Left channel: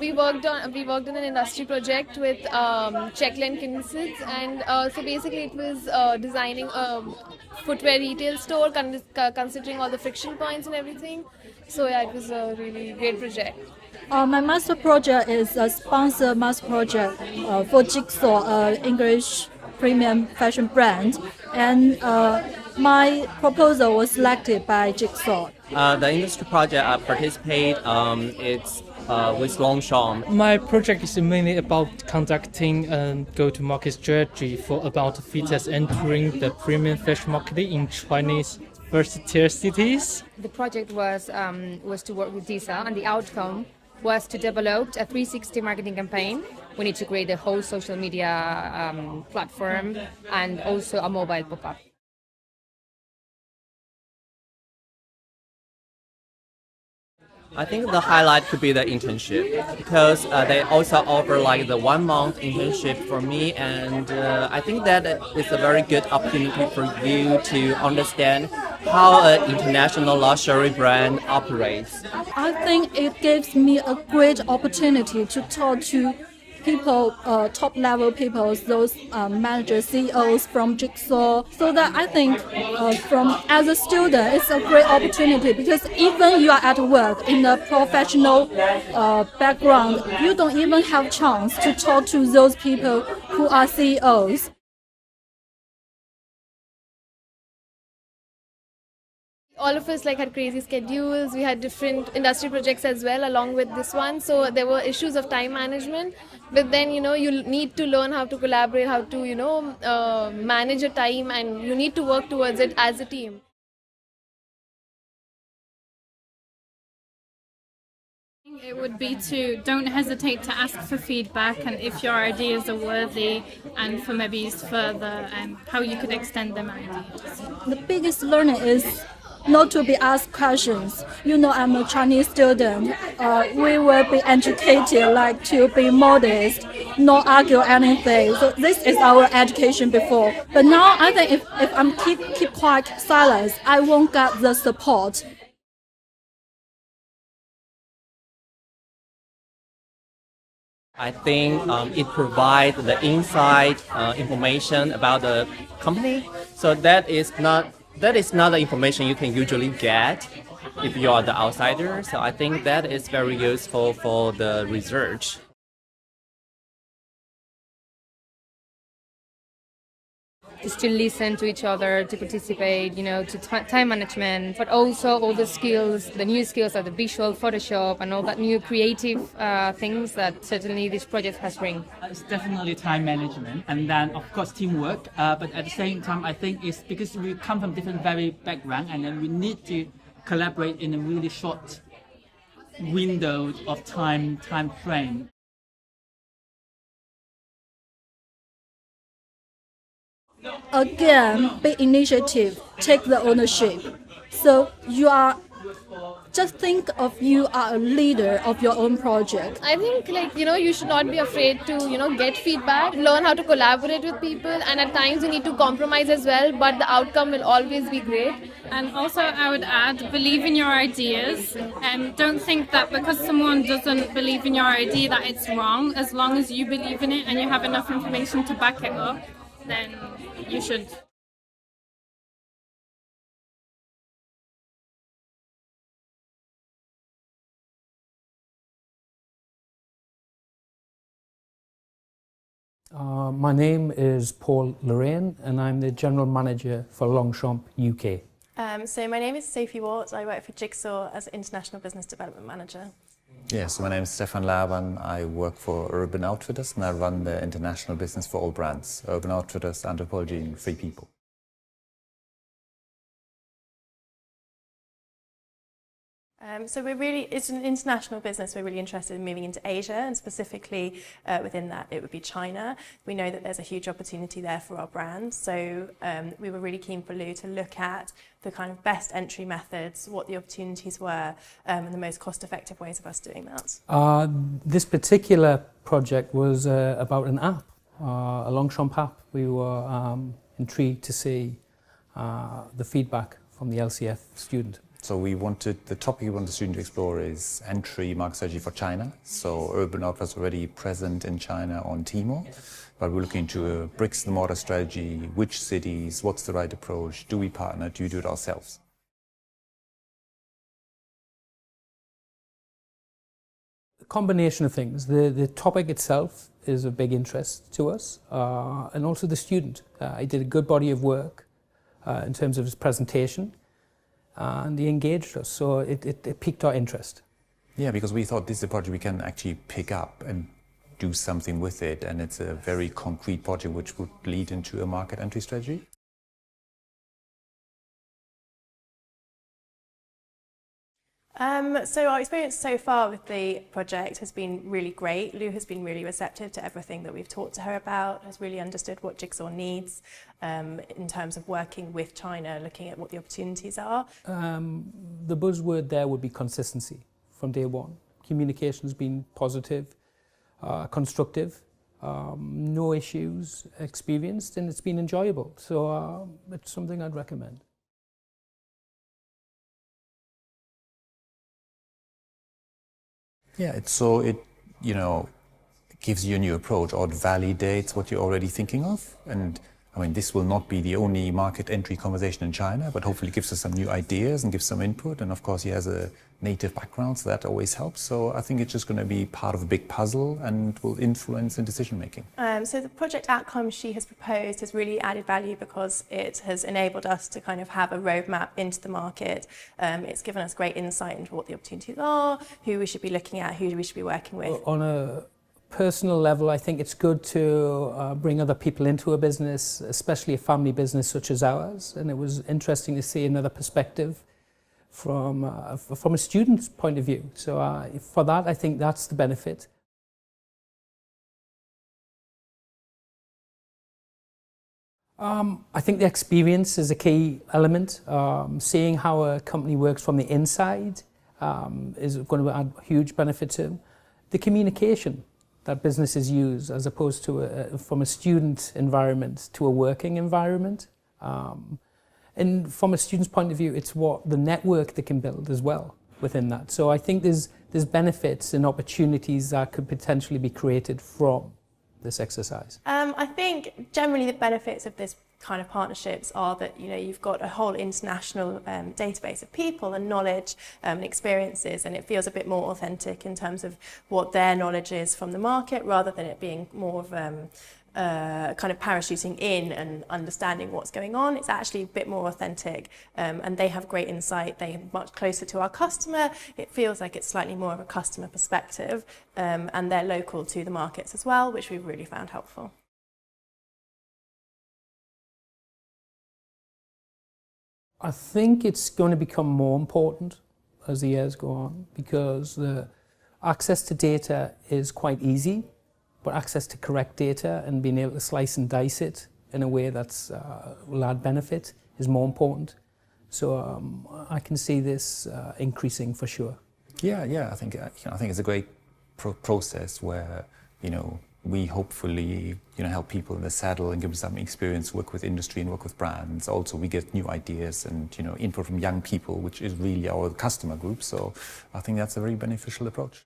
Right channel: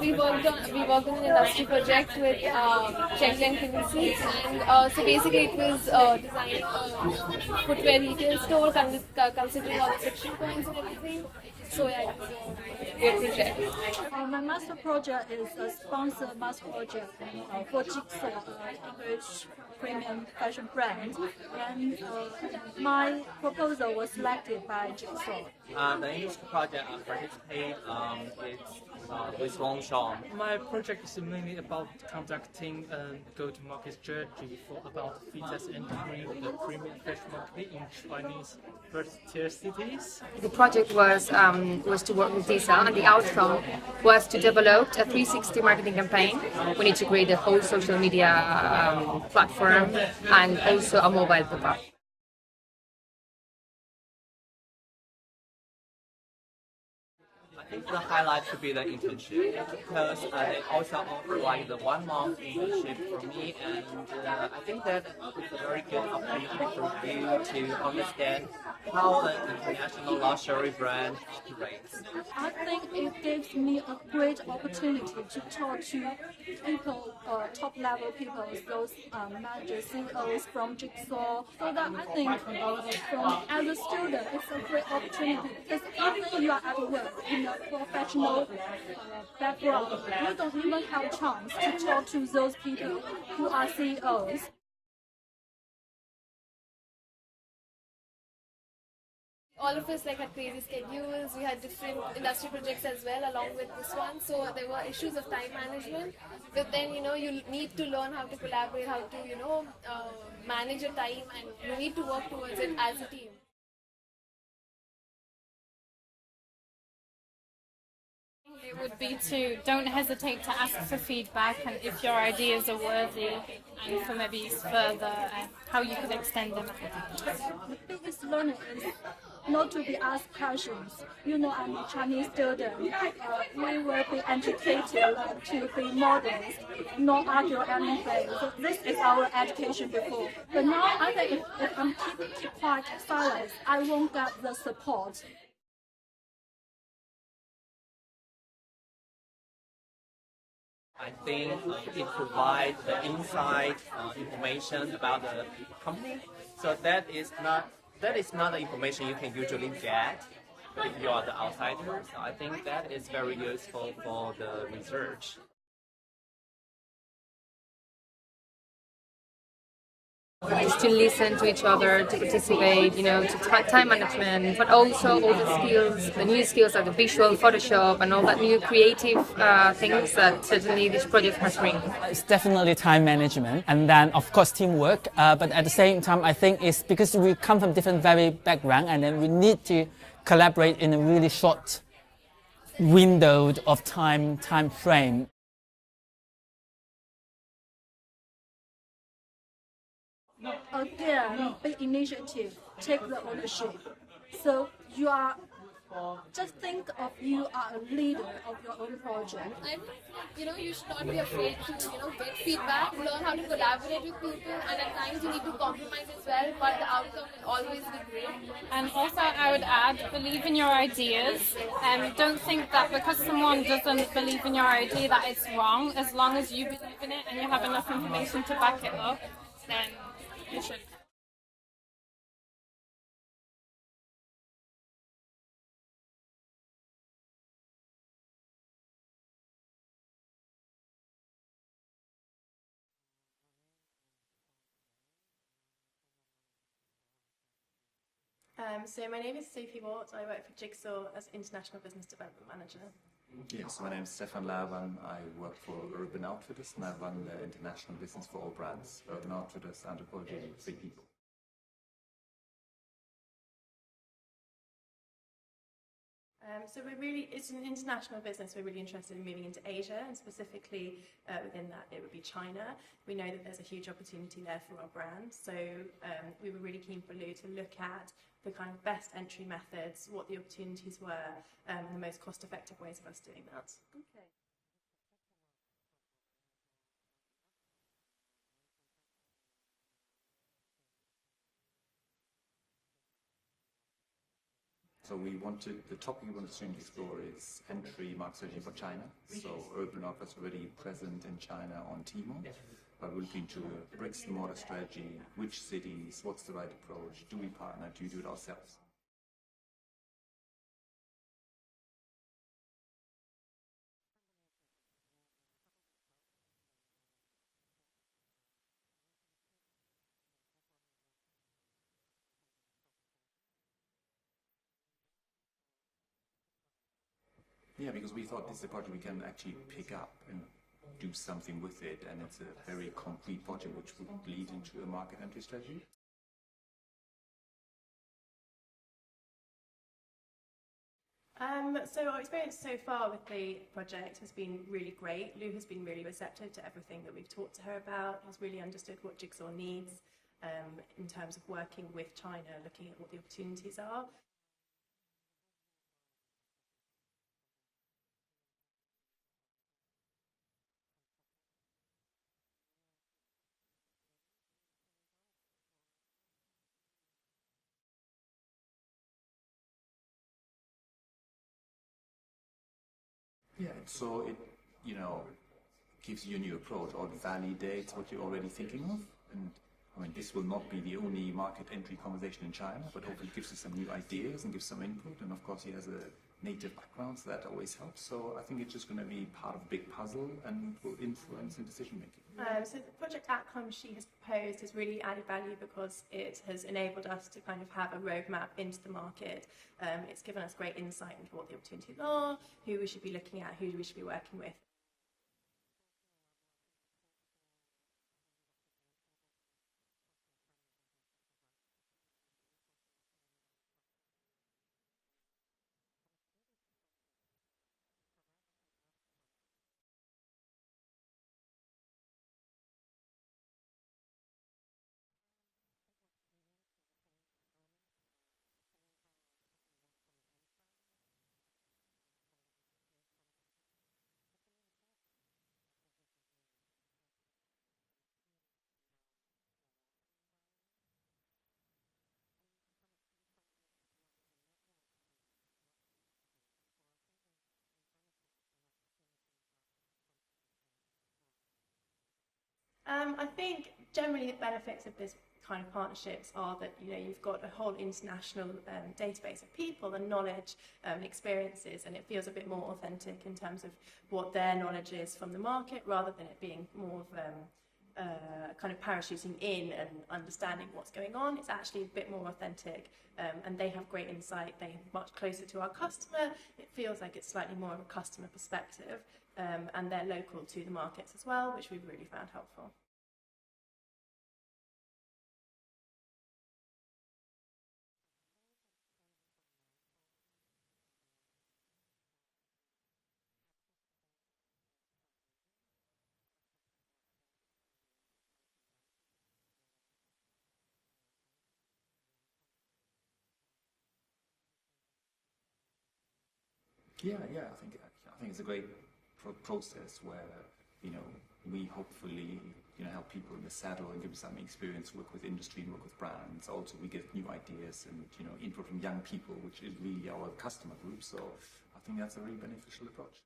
we worked on an industry project with Czech and Kinsey, and so basically it was designing a footwear retail store, considering all the friction points and everything. So yeah, it was a really great project. My master project is a sponsored master project for Jigsaw, English premium fashion brand, and my proposal was selected by Jigsaw. The industry project I participate, it's with Longchamp. My project is mainly about conducting a go-to-market strategy for about Fitas entering the premium fashion market in Chinese first-tier cities. The project was to work with Jigsaw, and the outcome was to develop a 360 marketing campaign. We need to create a whole social media platform and also a mobile pop-up. I think the highlight could be the internship because they also offer like the 1 month internship for me, and I think that is a very good opportunity for you to understand how an international luxury brand operates. I think it gives me a great opportunity to talk to people, top-level people, those managers, CEOs from Jigsaw. So that I think as a student, it's a great opportunity because even you are at work in a professional background, you don't even have chance to talk to those people who are CEOs. All of us had crazy schedules. We had different industry projects as well along with this one, so there were issues of time management. But then you need to learn how to collaborate, how to manage your time, and you need to work towards it as a team. It would be to don't hesitate to ask for feedback and if your ideas are worthy, and for maybe use further and how you could extend them out. The biggest learning is not to be asked questions. I'm a Chinese student. We will be educated to be modest, not argue anything. So this is our education before. But now I think if I'm keep quiet, silence, I won't get the support. I think it provides the inside information about the company, so that is not the information you can usually get if you are the outsider. So I think that is very useful for the research. To still listen to each other, to participate, to time management, but also all the skills, the new skills like the visual, Photoshop, and all that new creative things that certainly this project has bring. It's definitely time management, and then of course teamwork. But at the same time, I think it's because we come from different backgrounds, and then we need to collaborate in a really short window of time frame. Again, big initiative, take the ownership. So just think of you are a leader of your own project. I think you should not be afraid to get feedback, learn how to collaborate with people, and at times you need to compromise as well, but the outcome will always be great. And also I would add, believe in your ideas, and don't think that because someone doesn't believe in your idea that it's wrong. As long as you believe in it and you have enough information to back it up, then you should. My name is Paul Lorraine, and I'm the General Manager for Longchamp UK. So my name is Sophie Watt. I work for Jigsaw as International Business Development Manager. Yes, my name is Stefan Laban. I work for Urban Outfitters and I run the international business for all brands. Urban Outfitters, Anthropology and Free People. So it's an international business. We're really interested in moving into Asia, and specifically within that it would be China. We know that there's a huge opportunity there for our brand, so we were really keen for Lou to look at the kind of best entry methods, what the opportunities were, and the most cost-effective ways of us doing that. This particular project was about an app, a Longchamp app. We were intrigued to see the feedback from the LCF student. So the topic we want the student to explore is entry market strategy for China. So Urban Outfitters is already present in China on Tmall, but we're looking into a bricks and mortar strategy, which cities, what's the right approach, do we partner, do we do it ourselves? A combination of things. The topic itself is of big interest to us, and also the student. He did a good body of work in terms of his presentation, and he engaged us, so it piqued our interest. Yeah, because we thought this is a project we can actually pick up and do something with it, and it's a very concrete project which would lead into a market entry strategy. So our experience so far with the project has been really great. Lou has been really receptive to everything that we've talked to her about, has really understood what Jigsaw needs in terms of working with China, looking at what the opportunities are. The buzzword there would be consistency from day one. Communication's been positive, constructive, no issues experienced, and it's been enjoyable. So it's something I'd recommend. Yeah, it gives you a new approach, or it validates what you're already thinking of. And I mean, this will not be the only market entry conversation in China, but hopefully gives us some new ideas and gives some input. And of course, he has a native background, so that always helps. So I think it's just going to be part of a big puzzle and will influence in decision making. So the project outcome she has proposed has really added value because it has enabled us to kind of have a roadmap into the market. It's given us great insight into what the opportunities are, who we should be looking at, who we should be working with. On a personal level, I think it's good to bring other people into a business, especially a family business such as ours. And it was interesting to see another perspective from a student's point of view. So for that, I think that's the benefit. I think the experience is a key element. Seeing how a company works from the inside is going to add huge benefit to them. The communication that businesses use as opposed to from a student environment to a working environment. And from a student's point of view, it's what the network they can build as well within that. So I think there's benefits and opportunities that could potentially be created from this exercise. I think generally the benefits of this kind of partnerships are that you've got a whole international database of people and knowledge and experiences, and it feels a bit more authentic in terms of what their knowledge is from the market, rather than it being more of kind of parachuting in and understanding what's going on. It's actually a bit more authentic, and they have great insight. They're much closer to our customer. It feels like it's slightly more of a customer perspective, and they're local to the markets as well, which we've really found helpful. I think it's going to become more important as the years go on, because the access to data is quite easy, but access to correct data and being able to slice and dice it in a way that's will add benefit is more important. So I can see this increasing for sure. Yeah. I think it's a great process where we hopefully help people in the saddle and give them some experience, work with industry and work with brands. Also, we get new ideas and input from young people, which is really our customer group. So I think that's a very beneficial approach.